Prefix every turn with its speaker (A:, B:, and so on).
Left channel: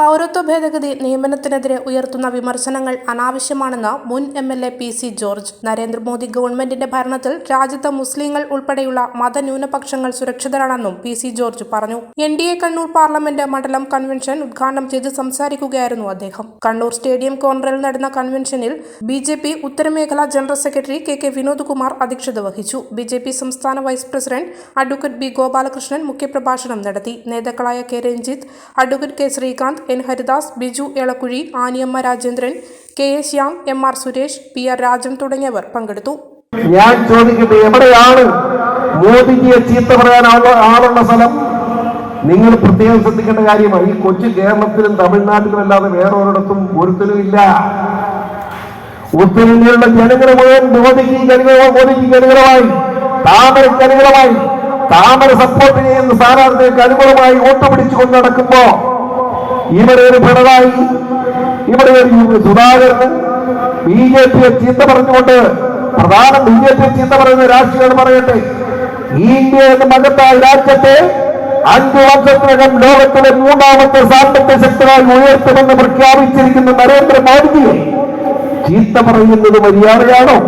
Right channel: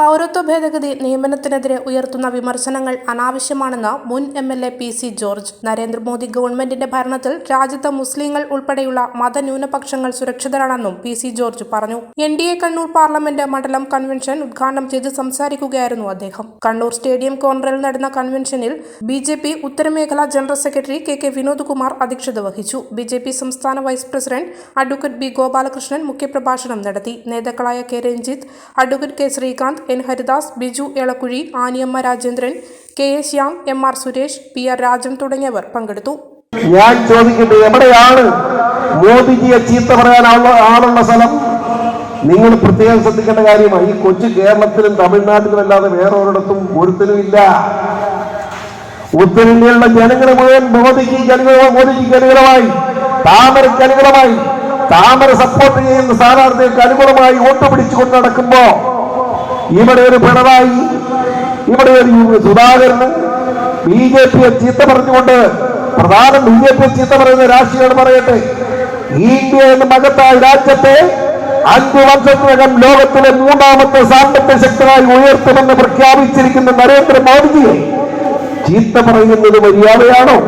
A: പൗരത്വ ഭേദഗതി നിയമനത്തിനെതിരെ ഉയർത്തുന്ന വിമർശനങ്ങൾ അനാവശ്യമാണെന്ന് മുൻ M L A P C George. Narendra Modi ഗവൺമെന്റിന്റെ ഭരണത്തിൽ രാജ്യത്ത് മുസ്ലിങ്ങൾ ഉൾപ്പെടെയുള്ള മതന്യൂനപക്ഷങ്ങൾ സുരക്ഷിതരാണെന്നും പി സി ജോർജ് പറഞ്ഞു. N D A Kannur parliament മണ്ഡലം കൺവെൻഷൻ ഉദ്ഘാടനം ചെയ്ത് സംസാരിക്കുകയായിരുന്നു അദ്ദേഹം. കണ്ണൂർ സ്റ്റേഡിയം കോർണറിൽ നടന്ന കൺവെൻഷനിൽ B J P ഉത്തരമേഖലാ general secretary K K Vinod Kumar അധ്യക്ഷത വഹിച്ചു. ബി ജെ പി സംസ്ഥാന vice president advocate B Gopalakrishnan മുഖ്യപ്രഭാഷണം നടത്തി. നേതാക്കളായ K Ranjith advocate K Srikanth N. Haridas Biju Elakkuzhi Aniyamma Rajendran K. A Shyam M. R. Suresh P. R. Rajan തുടങ്ങിയവർ പങ്കെടുത്തു.
B: ഞാൻ ചോദിക്കട്ടെ എവിടെയാണ് മോദിജിയെ ചീത്ത പറയാൻ സ്ഥലം? നിങ്ങൾ പ്രത്യേകം ശ്രദ്ധിക്കേണ്ട കാര്യമാണ്. ഈ കൊച്ചു കേരളത്തിലും തമിഴ്നാട്ടിലും അല്ലാതെ വേറെ ഒരിടത്തും ഒരുത്തനും ഇല്ല. ഉത്തരേന്ത്യയിലുള്ള ജനങ്ങൾ മുഴുവൻ മോദിക്ക് മോദിക്ക് അനുകൂലമായി താമരയ്ക്ക് അനുകൂലമായി താമര സപ്പോർട്ട് ചെയ്യുന്ന സ്ഥാനാർത്ഥികൾക്ക് അനുകൂലമായി വോട്ട് പിടിച്ചുകൊണ്ട് നടക്കുമ്പോ ഇവിടെ ഒരു പിണറായി ഇവിടെ ഒരു സുധാകരന് ബി ജെ പിയെ ചീത്ത പറഞ്ഞുകൊണ്ട് പ്രധാന ബി ജെ പിയെ ചീത്ത പറയുന്ന രാഷ്ട്രീയം പറയട്ടെ. ഇന്ത്യ എന്ന മകത്തായ രാജ്യത്തെ അഞ്ചു വർഷത്തിനകം ലോകത്തിലെ മൂന്നാമത്തെ സാമ്പത്തിക ശക്തരായി ഉയർത്തുമെന്ന് പ്രഖ്യാപിച്ചിരിക്കുന്ന നരേന്ദ്രമോദിജിയെ ചീത്ത പറയുന്നത് മര്യാദയാണോ?